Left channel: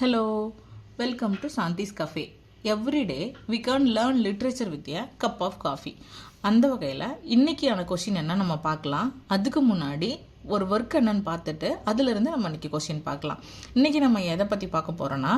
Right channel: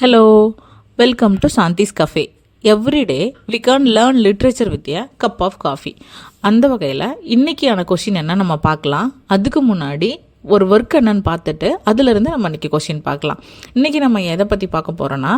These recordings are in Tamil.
Hello, welcome to Shanti's Cafe. Every day we can learn literature with a cup of coffee. அந்த வகையில் இன்றைக்கியான கொஷின் என்ன நம்ம பார்க்கலாம். அதுக்கு முன்னாடி ஒரு ஒர்க் என்னன்னு பார்த்துட்டு அதிலிருந்து நம்ம இன்றைக்கி கொஷின் பார்க்கலாம். இன்றைக்கி நம்ம எதை பற்றி பார்க்க போகிறோன்னா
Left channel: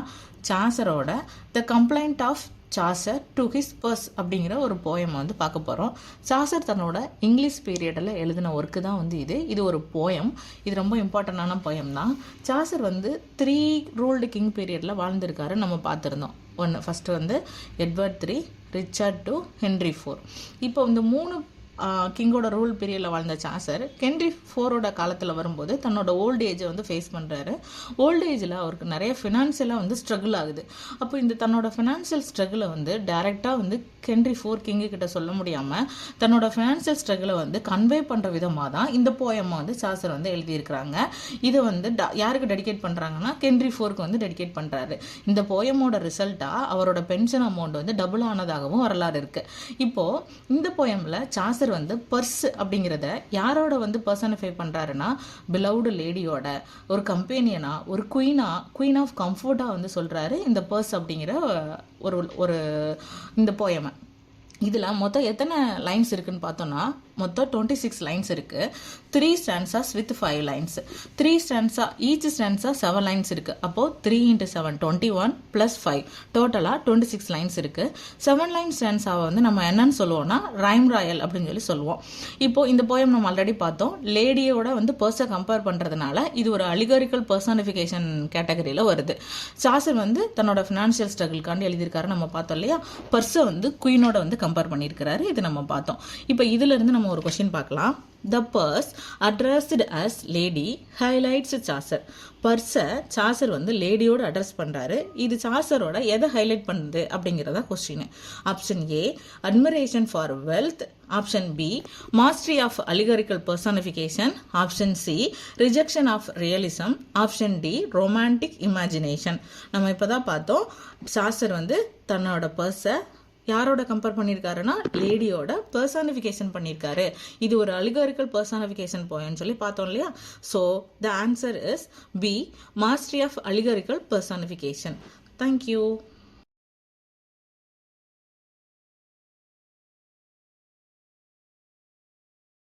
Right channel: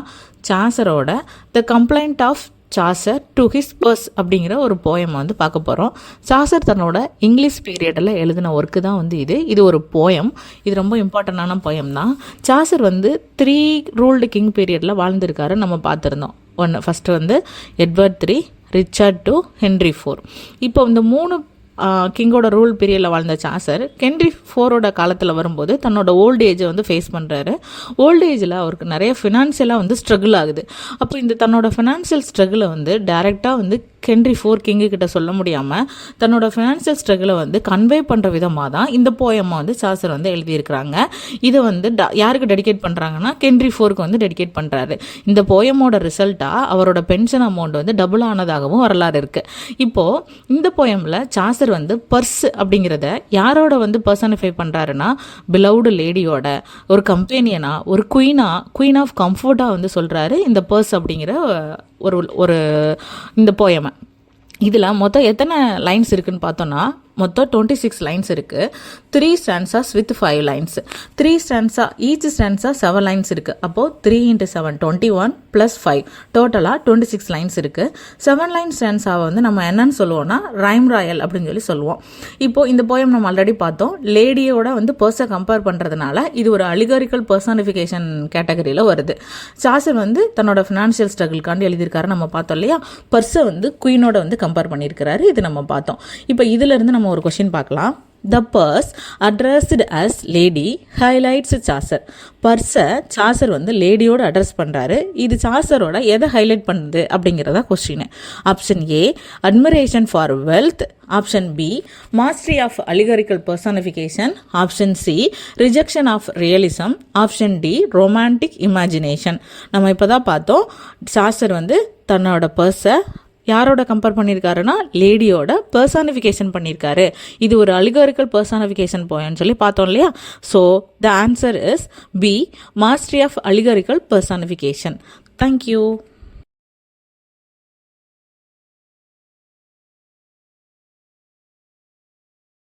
சாசரோட the complaint of Chaucer to his purse அப்படிங்கிற ஒரு போயம் வந்து பார்க்க போகிறோம். சாசர் தன்னோட இங்கிலீஷ் பீரியடில் எழுதின ஒர்க்கு தான் வந்து இது ஒரு போயம். இது ரொம்ப இம்பார்ட்டண்டான போயம் தான். சாசர் வந்து 3 ரூல்டு கிங் பீரியடில் வாழ்ந்திருக்காரு நம்ம பார்த்துருந்தோம். ஃபஸ்ட்டு வந்து எட்வர்ட் 3, ரிச்சர்ட் 2, ஹென்ரி 4. இப்போ இந்த 3 கிங்கோட ரூல் பீரியடில் வாழ்ந்த சாசர் ஹென்ரி 4 காலத்தில் வரும்போது தன்னோட ஓல்டு ஏஜை வந்து ஃபேஸ் பண்ணுறாரு. ஓல்டு ஏஜில் அவருக்கு நிறைய ஃபினான்ஷியலாக வந்து ஸ்ட்ரகிள் ஆகுது. அப்போ இந்த தன்னோட ஃபினான்ஷியல் ஸ்ட்ரகிளை வந்து டைரெக்டாக வந்து ஹென்ரி 4 கிங்கு கிட்ட சொல்ல முடியாமல் தன்னோட ஃபினான்ஷியல் ஸ்ட்ரகிளை வந்து கன்வே பண்ணுற விதமாக தான் இந்த போயம்மை வந்து சாசர் வந்து எழுதியிருக்கிறாங்க. இதை வந்து யாருக்கு டெடிகேட் பண்ணுறாங்கன்னா ஹென்ரி 4க்கு வந்து டெடிகேட் பண்ணுறாரு. இந்த போயமோட ரிசல்ட்டாக அவரோட பென்ஷன் அமௌண்ட் வந்து டபுள் ஆனதாகவும் வரலாறு இருக்குது. இப்போது இந்த போயமில் சாசர் வந்து பர்ஸ் அப்படிங்கிறத யாரோட வந்து பர்சனிஃபை பண்ணுறாருன்னா பிலவுடு லேடியோட ஒரு கம்பேனியனா, ஒரு குயின் ஆஃப் கம்ஃபர்ட்டாக வந்து சொல்கிறாரு இந்த பர்ஸ் அப்படிங்கிற ஒரு இந்த போயமை. இதில் மொத்தம் எத்தனை லைன்ஸ் இருக்குதுன்னு பார்த்தோன்னா மொத்தம் 26 லைன்ஸ் இருக்குது. 3 stanzas with 5 lines. 3 stanza each stanza 7 lines இருக்குது. அப்போது 3 × 7 21 + 5 டோட்டலாக 26 லைன்ஸ் இருக்குது. 7 லைன் ஸ்டான்ஸாவை வந்து நம்ம என்னன்னு சொல்லுவோம்னா ரைம் ராயல் அப்படின்னு சொல்லுவோம். இப்போது இந்த போயம் நம்ம ஆல்ரெடி பார்த்தோம். லேடியோட வந்து பர்ஸை கம்பேர் பண்ணுறதுனால இது ஒரு அலிகாரிக்கல் பர்சானிஃபிகேஷன் கேட்டகரியில் வருது. சாசர் வந்து தன்னோட ஃபினான்ஷியல் ஸ்ட்ரகிள்காண்டி எழுதியிருக்காரு நம்ம பார்த்தோம் இல்லையா. பர்ஸை வந்து குயினோட வந்து கம்பேர் பண்ணியிருக்கிறாரு. இது நம்ம பார்த்தோம். இப்போ இதிலிருந்து நம்ம ஒரு கொஸ்டின் பார்க்கலாம். The purse addressed as lady highlights Chaucer. பர்ஸை சாசர் வந்து லேடியோட அட்ரஸ் பண்ணுறாரு. இது சாசரோட எதை ஹைலைட் பண்ணுது அப்படிங்கிறதா question. Option A admiration for wealth, option B mastery of allegorical personification, option C rejection of realism, option D romantic imagination. நம்ம இப்போ தான் பார்த்தோம் சாசர் வந்து தன்னோட பர்ஸை யாரோட கம்பேர் பண்ணியிருக்காருன்னா லேடியோட பர்சானிஃபிகேஷன் பண்ணியிருக்காரு. இது ஒரு அலிகாரிக்கல் பர்சானிஃபிகேஷன் போயன்னு சொல்லி பார்த்தோம் இல்லையா. So the answer is B mastery of allegorical personification. Thank you.